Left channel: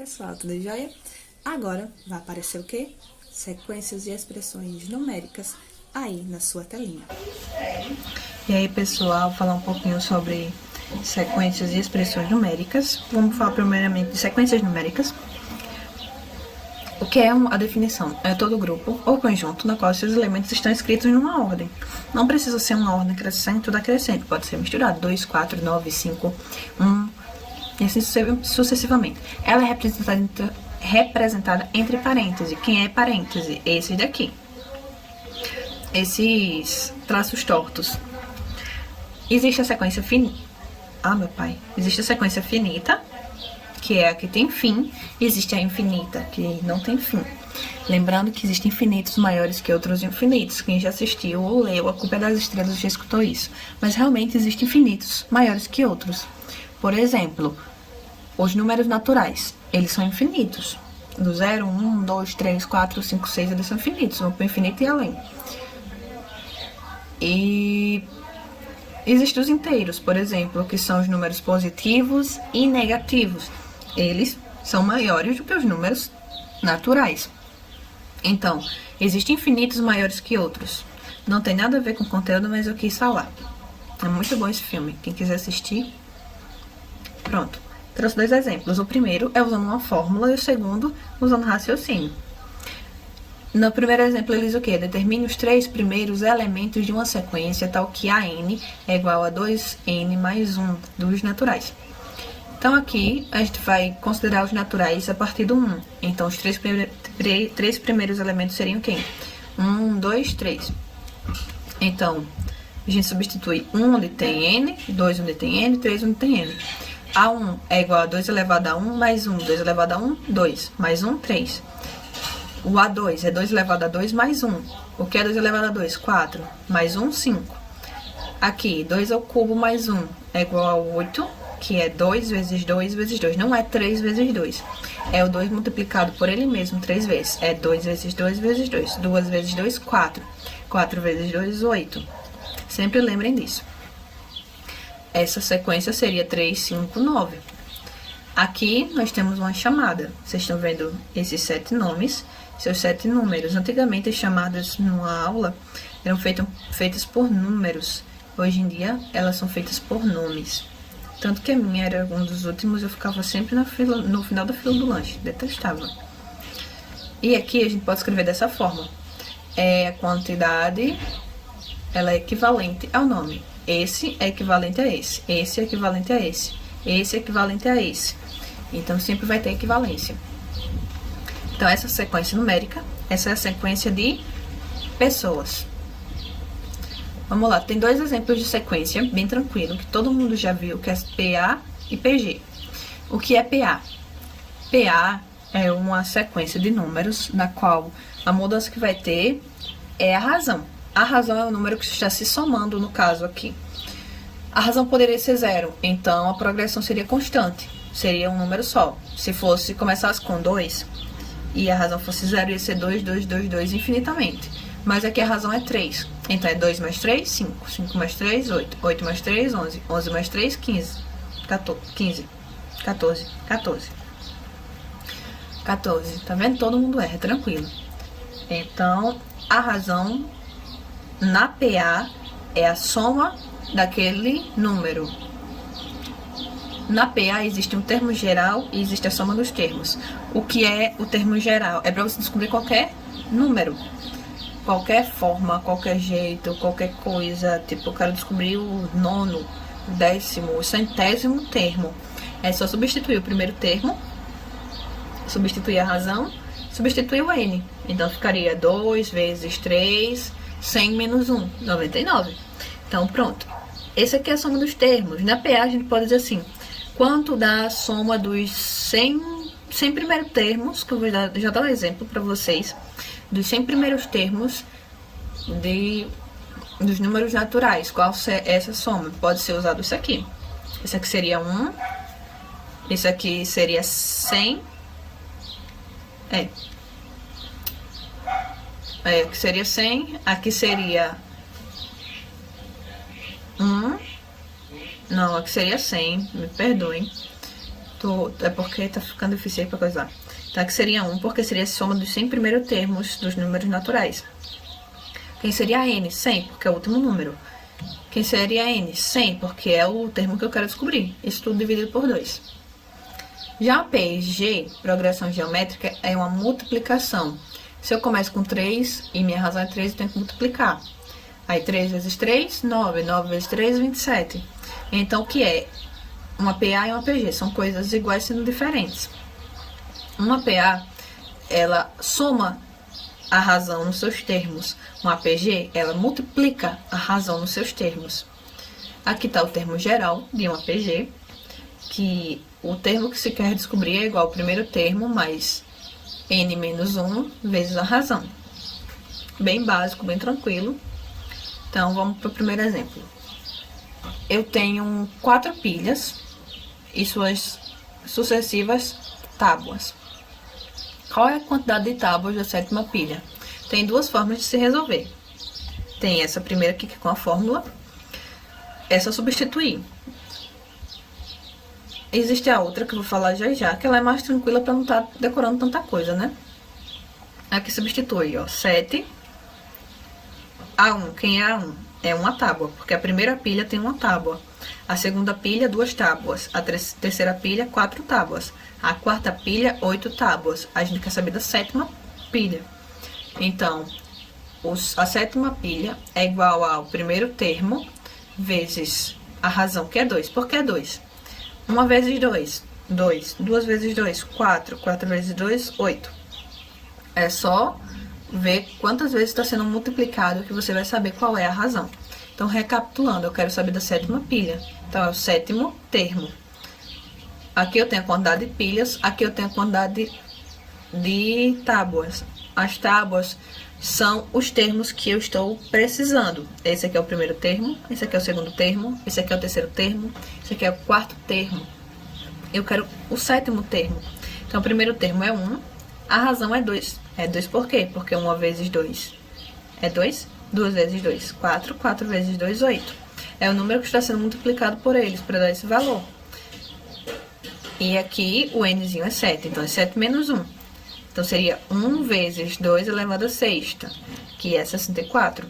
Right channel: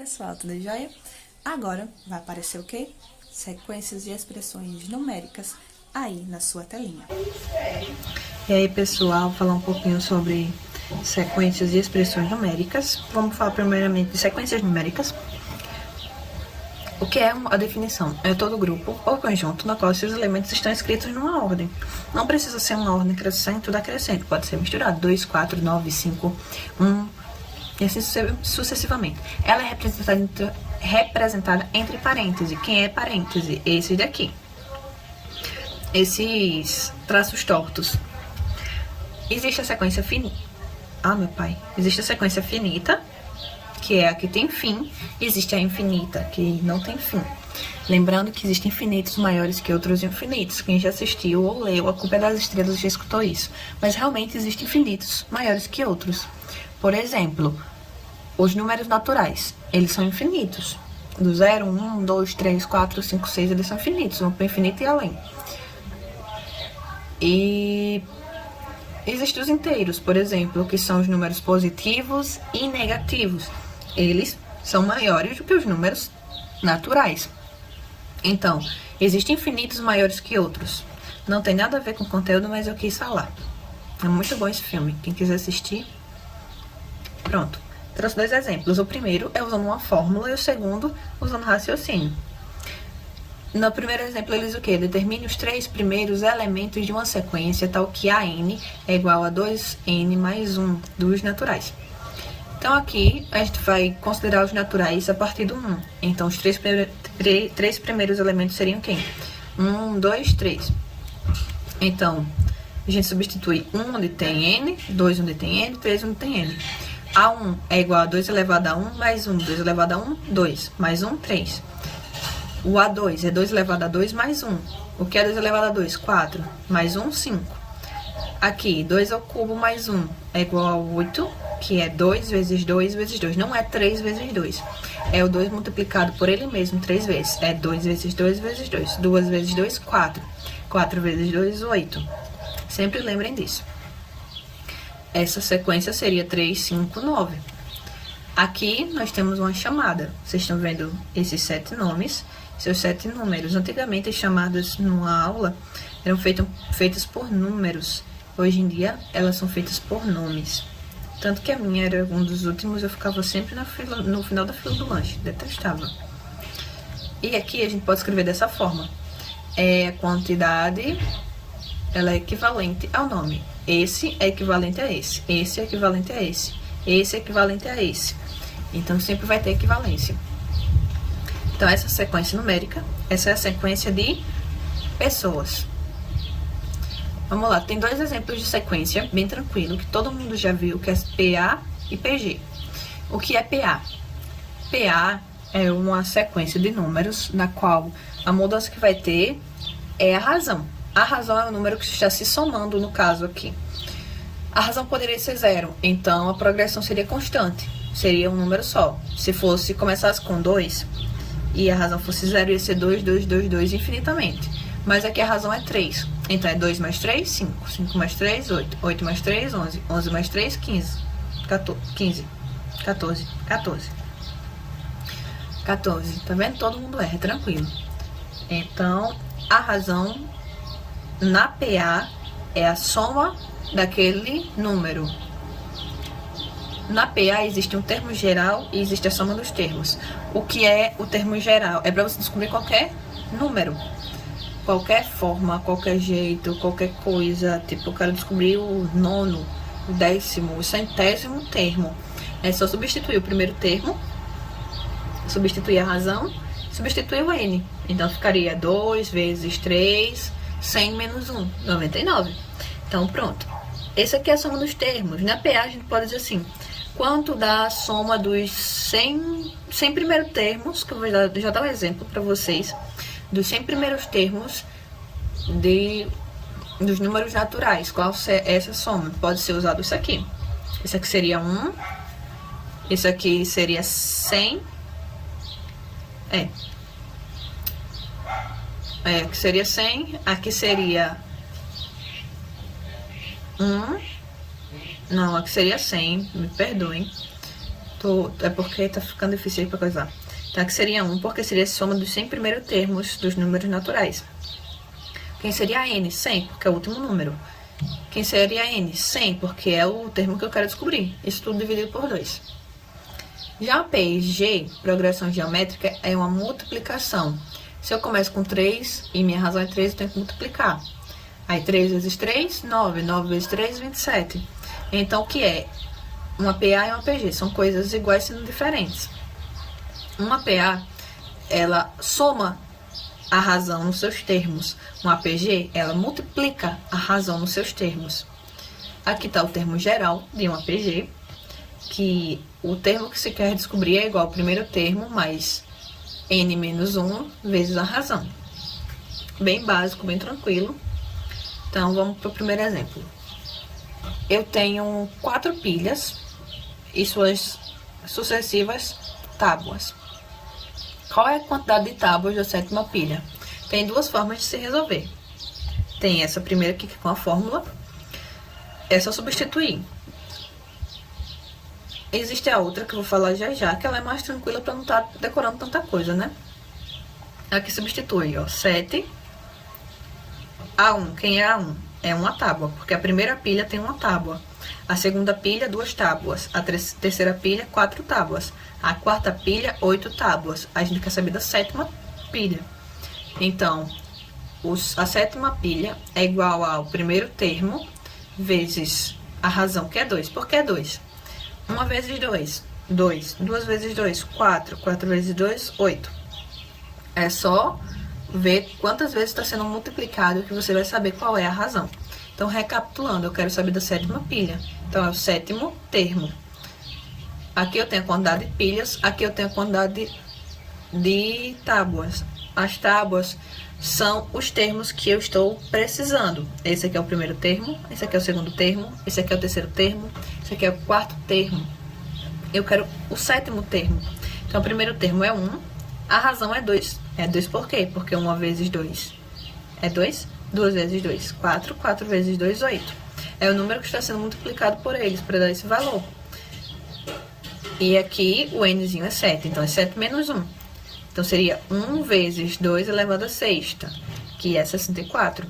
Pessoal, tudo jóia? Agora vai aparecer o quê? Sequências e expressões numéricas aí na sua telinha. E aí, pessoal, vou falar um pouquinho sobre sequências e expressões numéricas. Vamos falar primeiramente de sequências numéricas. O que é a definição? É todo grupo ou conjunto no qual seus elementos estão escritos numa ordem. Não precisa ser uma ordem crescente ou decrescente, pode ser misturado. 2, 4, 9, 5, 1... e assim sucessivamente. Ela é representada entre parênteses. Quem é parêntese? Esses daqui. Esses traços tortos. Existe a sequência finita. Existe a sequência finita, que é a que tem fim. Existe a infinita, que não tem fim. Lembrando que existem infinitos maiores que outros infinitos. Quem já assistiu ou leu A Culpa é das Estrelas já escutou isso. Mas realmente existem infinitos maiores que outros. Por exemplo, os números naturais, eles são infinitos. Do 0, 1, 2, 3, 4, 5, 6, eles são infinitos. Vão para o infinito e além. E existem os inteiros, por exemplo, que são os números positivos e negativos. Eles são maiores do que os números naturais. Então, existem infinitos maiores que outros. Não tem nada a ver com o conteúdo, mas eu quis falar. É muito bom esse filme. Quem quiser assistir, pronto. Trouxe dois exemplos. O primeiro é usando uma fórmula e o segundo usando raciocínio. No primeiro exemplo, ele diz o quê? Determine os 3 primeiros elementos de uma sequência, tal que AN é igual a 2N mais 1 dos naturais. Então, aqui, a gente vai considerar os naturais a partir do 1. Então, os 3 primeiros elementos seriam quem? 1, 2, 3. Então, a gente substitui 1 onde tem N, 2 onde tem N, 3 onde tem N. A1 é igual a 2 elevado a 1 mais 1. 2 elevado a 1, 2. Mais 1, 3. O A2 é 2 elevado a 2 mais 1. O que é 2 elevado a 2? 4. Mais 1, 5. Aqui, 2 ao cubo mais 1 é igual a 8, que é 2 vezes 2 vezes 2. Não é 3 vezes 2. É o 2 multiplicado por ele mesmo 3 vezes. É 2 vezes 2 vezes 2. 2 vezes 2, 4. 4 vezes 2, 8. Sempre lembrem disso. Essa sequência seria 3, 5, 9. Aqui nós temos uma chamada. Vocês estão vendo esses 7 nomes, seus 7 números. Antigamente as chamadas numa aula eram feitas por números. Hoje em dia elas são feitas por nomes. Tanto que a minha era um dos últimos, eu ficava sempre no final da fila do lanche. Detestava. E aqui a gente pode escrever dessa forma. A quantidade, ela é equivalente ao nome. Esse é equivalente a esse. Esse é equivalente a esse. Esse é equivalente a esse. Então, sempre vai ter equivalência. Então, essa sequência numérica, essa é a sequência de pessoas. Vamos lá, tem dois exemplos de sequência, bem tranquilo, que todo mundo já viu, que é PA e PG. O que é PA? PA é uma sequência de números, na qual a mudança que vai ter é a razão. A razão é o número que está se somando, no caso aqui. A razão poderia ser 0, então a progressão seria constante. Seria um número só. Se começasse com 2 e a razão fosse 0, ia ser 2, 2, 2, 2 infinitamente. Mas aqui a razão é 3. Então é 2 mais 3, 5. 5 mais 3, 8. 8 mais 3, 11. 11 mais 3, 15. 14. 14. Tá vendo? Todo mundo erra, tranquilo. Então, a razão na PA é a soma daquele número. Na PA existe um termo geral e existe a soma dos termos. O que é o termo geral? É para você descobrir qualquer número. Qualquer forma, qualquer jeito, qualquer coisa. Tipo, eu quero descobrir o 9º, o 10º, o 100º termo. É só substituir o primeiro termo, substituir a razão, substituir o N. Então, ficaria 2 vezes 3, 100 menos 1, 99. Então, pronto. Esse aqui é a soma dos termos. Na PA, a gente pode dizer assim, quanto dá a soma dos 100 primeiros termos, que eu vou já dar um exemplo para vocês, dos 100 primeiros termos dos números naturais. Qual é essa soma? Pode ser usado isso aqui. Esse aqui seria 1, isso aqui seria 100, aqui seria 100, aqui seria 1, não, aqui seria 100, me perdoem. É porque tá ficando difícil aí pra coisar. Então, aqui seria 1, porque seria a soma dos 100 primeiros termos dos números naturais. Quem seria N? 100, porque é o último número. Quem seria N? 100, porque é o termo que eu quero descobrir. Isso tudo dividido por 2. Já P e G, progressão geométrica, é uma multiplicação. Se eu começo com 3 e minha razão é 3, eu tenho que multiplicar. Aí 3 vezes 3, 9. 9 vezes 3, 27. Então, o que é? Uma PA e uma PG são coisas iguais sendo diferentes. Uma PA, ela soma a razão nos seus termos. Uma PG, ela multiplica a razão nos seus termos. Aqui está o termo geral de uma PG, que o termo que se quer descobrir é igual ao primeiro termo mais n menos 1 vezes a razão. Bem básico, bem tranquilo. Então, vamos para o primeiro exemplo. Eu tenho 4 pilhas e suas sucessivas tábuas. Qual é a quantidade de tábuas da 7ª pilha? Tem 2 formas de se resolver. Tem essa primeira aqui, que é com a fórmula. Essa eu substituir. Existe a outra, que eu vou falar já já, que ela é mais tranquila para não estar decorando tanta coisa, né? Aqui substitui, ó, 7 A1. Quem é A1? É uma tábua, porque a primeira pilha tem uma tábua. A segunda pilha, 2 tábuas. A terceira pilha, 4 tábuas. A quarta pilha, 8 tábuas. A gente quer saber da 7ª pilha. Então, a 7ª pilha é igual ao primeiro termo vezes a razão, que é 2. Por que 2? 1 vezes 2, 2. 2 vezes 2, 4. 4 vezes 2, 8. É só ver quantas vezes está sendo multiplicado que você vai saber qual é a razão. Então, recapitulando, eu quero saber da 7ª pilha. Então, é o 7º termo. Aqui eu tenho a quantidade de pilhas, aqui eu tenho a quantidade de tábuas. As tábuas são os termos que eu estou precisando. Esse aqui é o primeiro termo, esse aqui é o segundo termo, esse aqui é o terceiro termo, esse aqui é o quarto termo. Eu quero o 7º termo. Então, o primeiro termo é 1, a razão é 2. É 2 por quê? Porque 1 vezes 2 é 2, 2 vezes 2, 4, 4 vezes 2, 8. É o número que está sendo multiplicado por eles, para dar esse valor. E aqui o nzinho é 7, então é 7 menos 1. Então, seria 1 vezes 2 elevado a sexta, que é 64.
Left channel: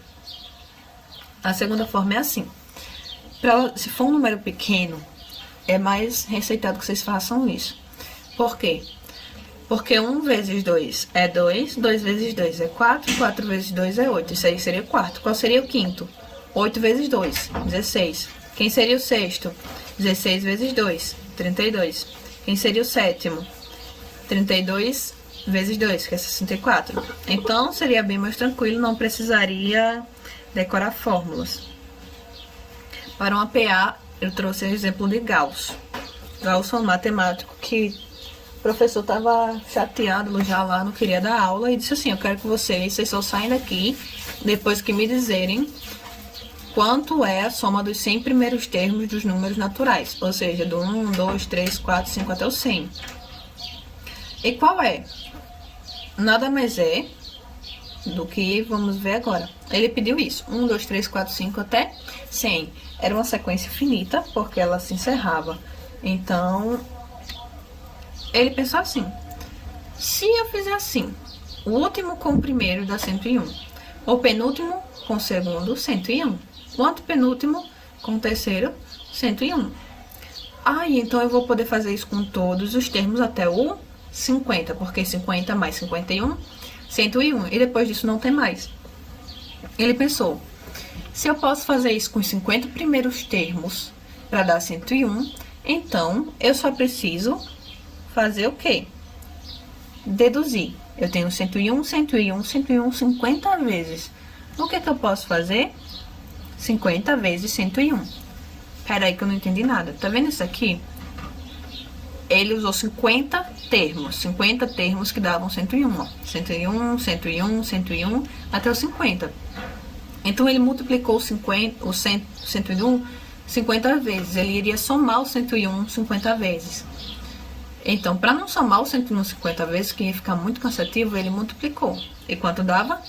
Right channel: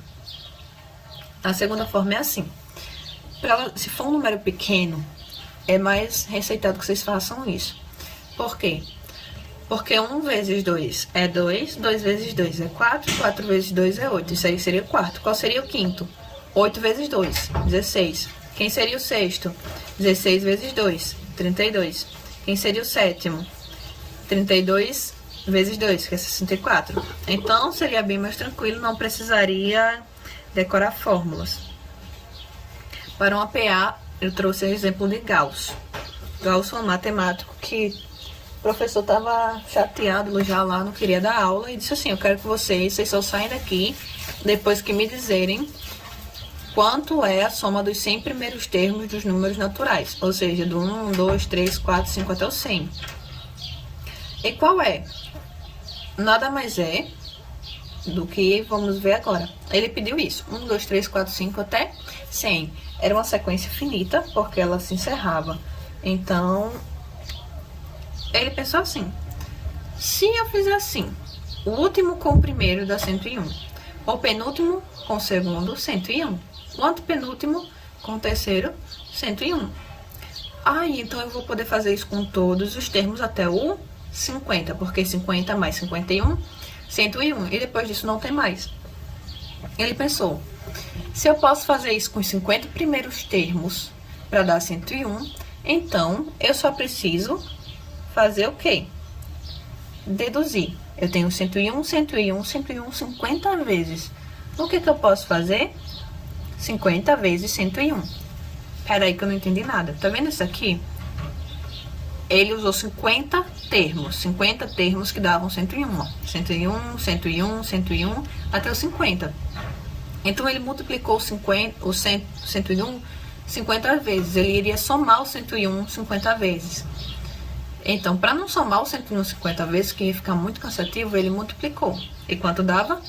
A segunda forma é assim. Se for um número pequeno, é mais receitado que vocês façam isso. Por quê? Porque 1 vezes 2 é 2, 2 vezes 2 é 4, 4 vezes 2 é 8. Isso aí seria o quarto. Qual seria o quinto? 8 vezes 2, 16. Quem seria o sexto? 16 vezes 2, 32. Quem seria o sétimo? 32 vezes 2, que é 64. Então, seria bem mais tranquilo, não precisaria decorar fórmulas. Para uma PA, eu trouxe o exemplo de Gauss. Gauss é um matemático que o professor estava chateado já lá, não queria dar aula, e disse assim, eu quero que vocês só saem daqui depois que me dizerem quanto é a soma dos 100 primeiros termos dos números naturais, ou seja, do 1, 2, 3, 4, 5 até o 100. E qual é? Nada mais é do que vamos ver agora. Ele pediu isso, 1, 2, 3, 4, 5 até 100. Era uma sequência finita, porque ela se encerrava. Então, ele pensou assim, se eu fizer assim, o último com o primeiro dá 101, o penúltimo com o segundo, 101, o antepenúltimo com o terceiro, 101. Então eu vou poder fazer isso com todos os termos até o 50, porque 50 mais 51, 101, e depois disso não tem mais. Ele pensou, se eu posso fazer isso com os 50 primeiros termos para dar 101, então eu só preciso fazer o quê? Deduzir. Eu tenho 101, 101, 101, 50 vezes. O que eu posso fazer? 50 vezes 101. Peraí que eu não entendi nada. Tá vendo isso aqui? Ele usou 50 termos que davam 101, ó. 101, 101, 101, até o 50. Então, ele multiplicou o 101 50 vezes. Ele iria somar o 101 50 vezes. Então, para não somar o 101 50 vezes, que ia ficar muito cansativo, ele multiplicou. E quanto dava?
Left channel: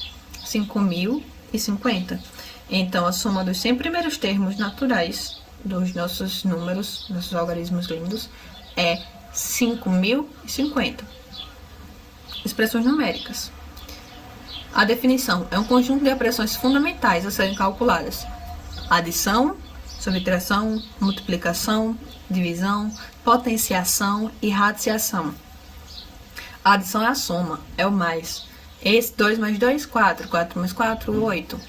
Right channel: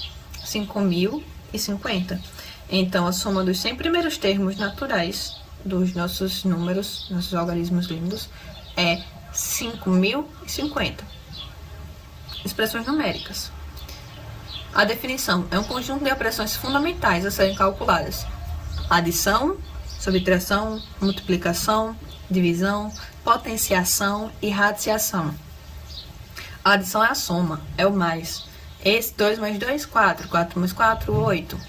5.050. Então, a soma dos 100 primeiros termos naturais dos nossos números, nossos algarismos lindos, é 5.050. Expressões numéricas. A definição é um conjunto de operações fundamentais a serem calculadas: adição, subtração, multiplicação, divisão, potenciação e radiciação. A adição é a soma, é o mais. Esse 2 mais 2, 4. 4 mais 4, 8.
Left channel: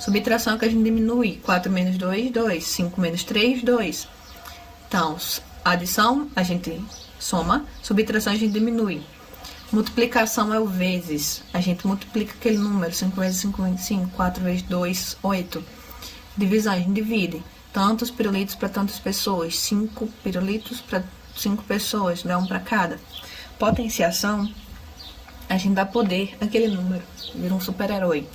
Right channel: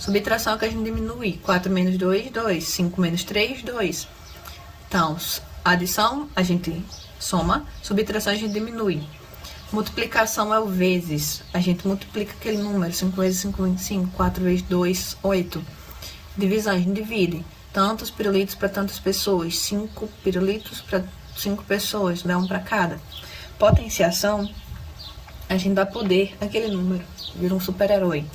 Subtração que a gente diminui. 4 menos 2, 2. 5 menos 3, 2. Então, adição a gente soma, subtração a gente diminui. Multiplicação é o vezes. A gente multiplica aquele número. 5 vezes 5, 25. 4 vezes 2, 8. Divisão, a gente divide. Tantos pirulitos para tantas pessoas. 5 pirulitos para 5 pessoas. Dá um para cada. Potenciação, a gente dá poder àquele número. Vira um super-herói.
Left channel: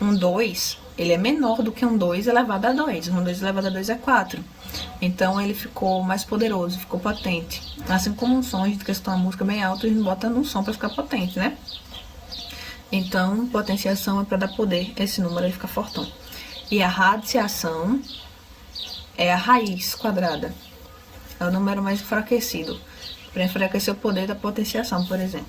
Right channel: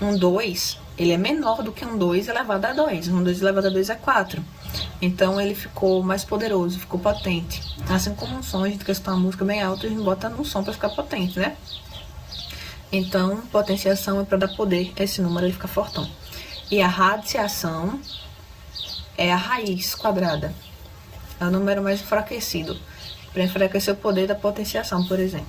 Um 2, ele é menor do que um 2 elevado a 2. Um 2 elevado a 2 é 4. Então, ele ficou mais poderoso, ficou potente. Assim como um som, a gente quer escutar uma música bem alta, a gente bota num som para ficar potente, né? Então, potenciação é para dar poder a esse número, ele fica fortão. E a radiciação é a raiz quadrada. É o número mais enfraquecido, para enfraquecer o poder da potenciação, por exemplo.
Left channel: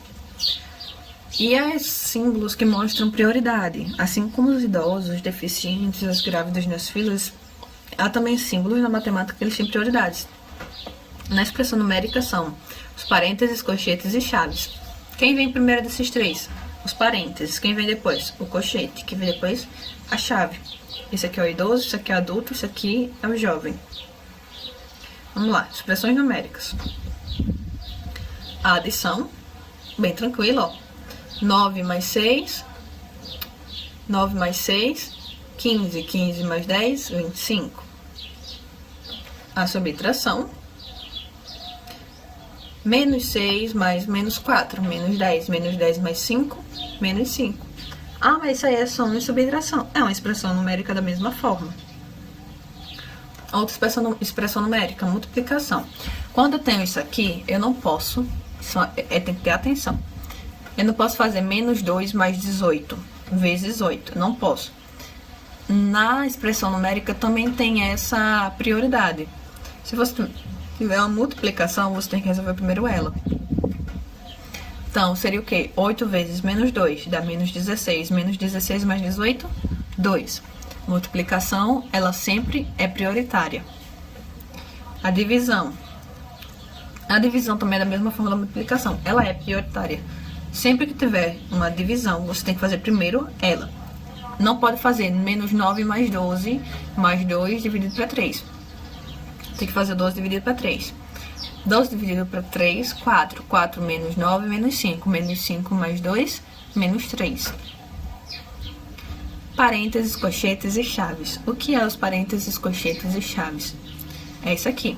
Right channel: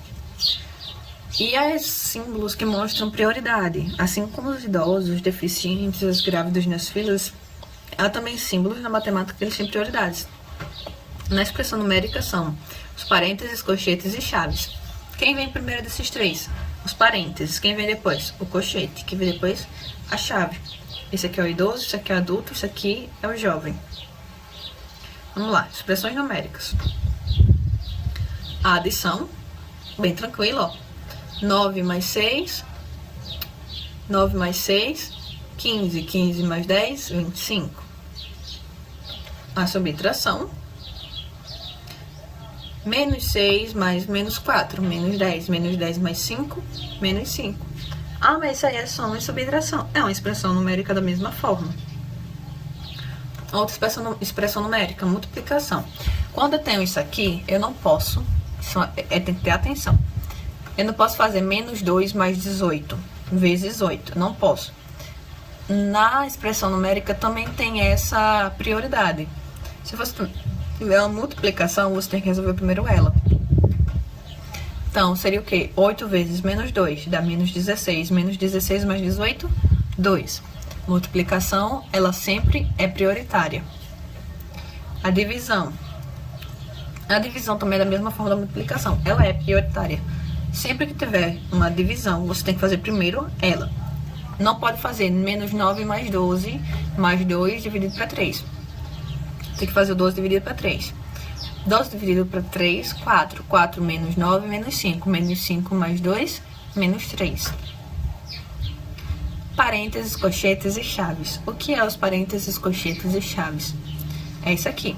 E as símbolos que mostram prioridade, assim como os idosos, os deficientes, as grávidas nas filas, há também símbolos na matemática que eles têm prioridades. Na expressão numérica são os parênteses, colchetes e chaves. Quem vem primeiro desses três? Os parênteses. Quem vem depois? O colchete. Quem vem depois? A chave. Esse aqui é o idoso, esse aqui é o adulto, esse aqui é o jovem. Vamos lá, expressões numéricas. A adição, bem tranquilo, ó. 9 mais 6, 9 mais 6, 15, 15 mais 10, 25. A subtração, menos 6 mais menos 4, menos 10 mais 5, menos 5. Ah, mas isso aí é soma e subtração. É uma expressão numérica da mesma forma. Outra expressão numérica, multiplicação. Quando eu tenho isso aqui, eu não posso, tem que ter atenção. Eu não posso fazer menos 2 mais 18 vezes 8. Não posso. Na expressão numérica também tem essa prioridade. Se você tiver uma multiplicação, você tem que resolver primeiro ela. Então, seria o quê? 8 vezes menos 2 dá menos 16. Menos 16 mais 18, 2. Multiplicação, ela sempre é prioritária. A divisão. A divisão também é da mesma forma da multiplicação. Ela é prioritária. Sempre que tiver uma divisão, você tem que fazer primeiro ela. Não pode fazer menos 9 mais 12 mais 2 dividido para 3. Tem que fazer o 12 dividido para 3. 12 dividido para 3, 4. 4 menos 9, menos 5. Menos 5 mais 2, menos 3. Parênteses, colchetes e chaves. O que é os parênteses, colchetes e chaves? É isso aqui.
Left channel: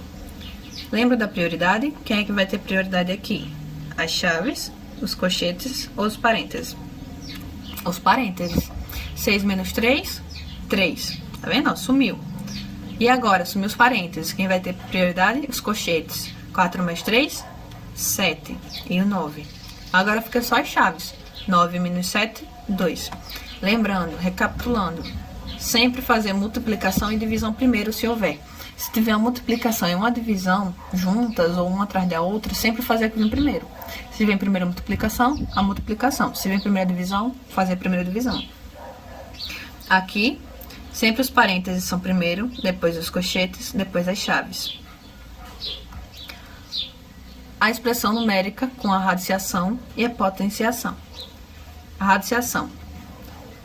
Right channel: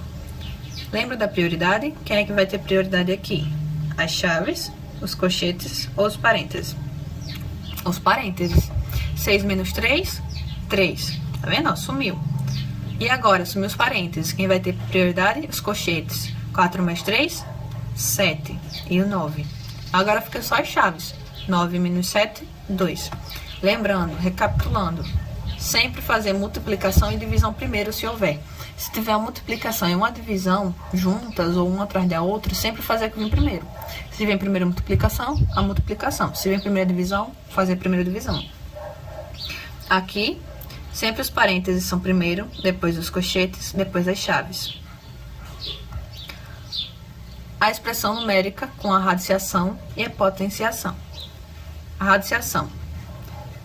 Lembra da prioridade? Quem é que vai ter prioridade aqui? As chaves, os colchetes ou os parênteses? Os parênteses. 6 menos 3, 3. Tá vendo? Sumiu. E agora, sumiu os parênteses. Quem vai ter prioridade? Os colchetes. 4 mais 3, 7. E o 9. Agora fica só as chaves. 9 menos 7, 2. Lembrando, recapitulando, sempre fazer multiplicação e divisão primeiro, se houver. Se tiver uma multiplicação e uma divisão juntas ou uma atrás da outra, sempre fazer aquilo primeiro. Se vem primeiro a multiplicação, a multiplicação. Se vem primeiro a divisão, fazer a primeira divisão. Aqui, sempre os parênteses são primeiro, depois os colchetes, depois as chaves. A expressão numérica com a radiciação e a potenciação. A radiciação.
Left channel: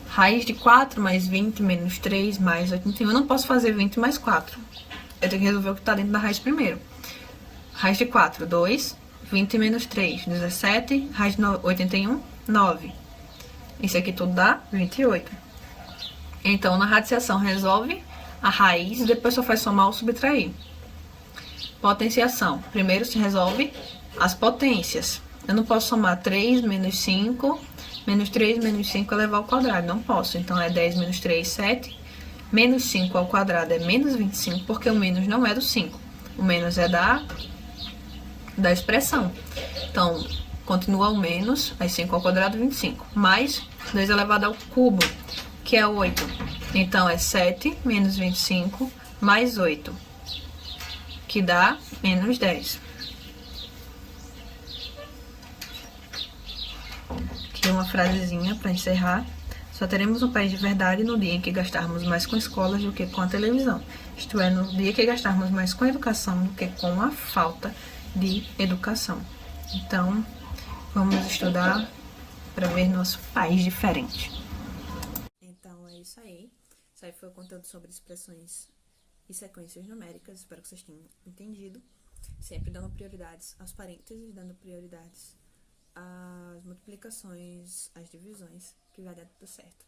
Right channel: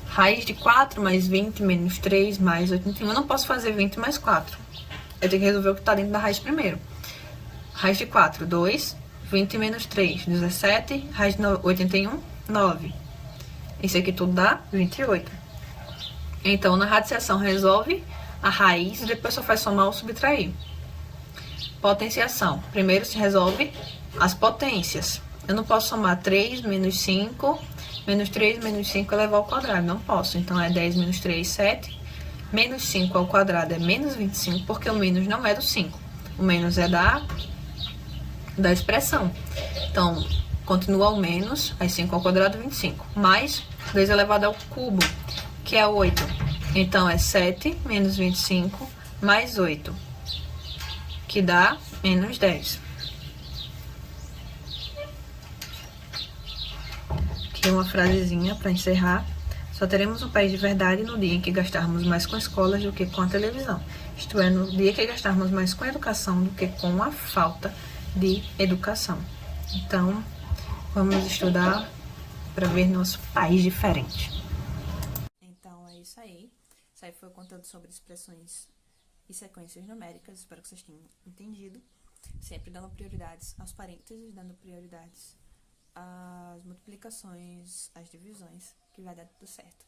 Raiz de 4 mais 20 menos 3 mais 81. Eu não posso fazer 20 mais 4. Eu tenho que resolver o que está dentro da raiz primeiro. Raiz de 4, 2. 20 menos 3, 17. Raiz de 81, 9. Isso aqui tudo dá 28. Então, na radiciação, resolve a raiz e depois só faz somar ou subtrair. Potenciação. Primeiro se resolve as potências. Eu não posso somar 3 menos 5, menos 3 menos 5 elevado ao quadrado. Não posso. Então, é 10 menos 3, 7. Menos 5 ao quadrado é menos 25, porque o menos não é do 5. O menos é da expressão. Então, continua o menos, aí 5 ao quadrado, 25. Mais 2 elevado ao cubo, que é 8. Então, é 7 menos 25 mais 8, que dá menos 10. frasezinha para encerrar. Só teremos um país de verdade no dia em que gastarmos mais com escolas do que com a televisão. Isto é, no dia que gastarmos mais com educação do que com a falta de educação. Então, vamos estudar para ver nosso país diferente. Então, é isso aí. Isso aí foi o conteúdo sobre expressões e sequências numéricas. Espero que vocês tenham entendido. Sempre dando prioridades aos parênteses, dando prioridades às multiplicações, às divisões, que vai dar tudo certo.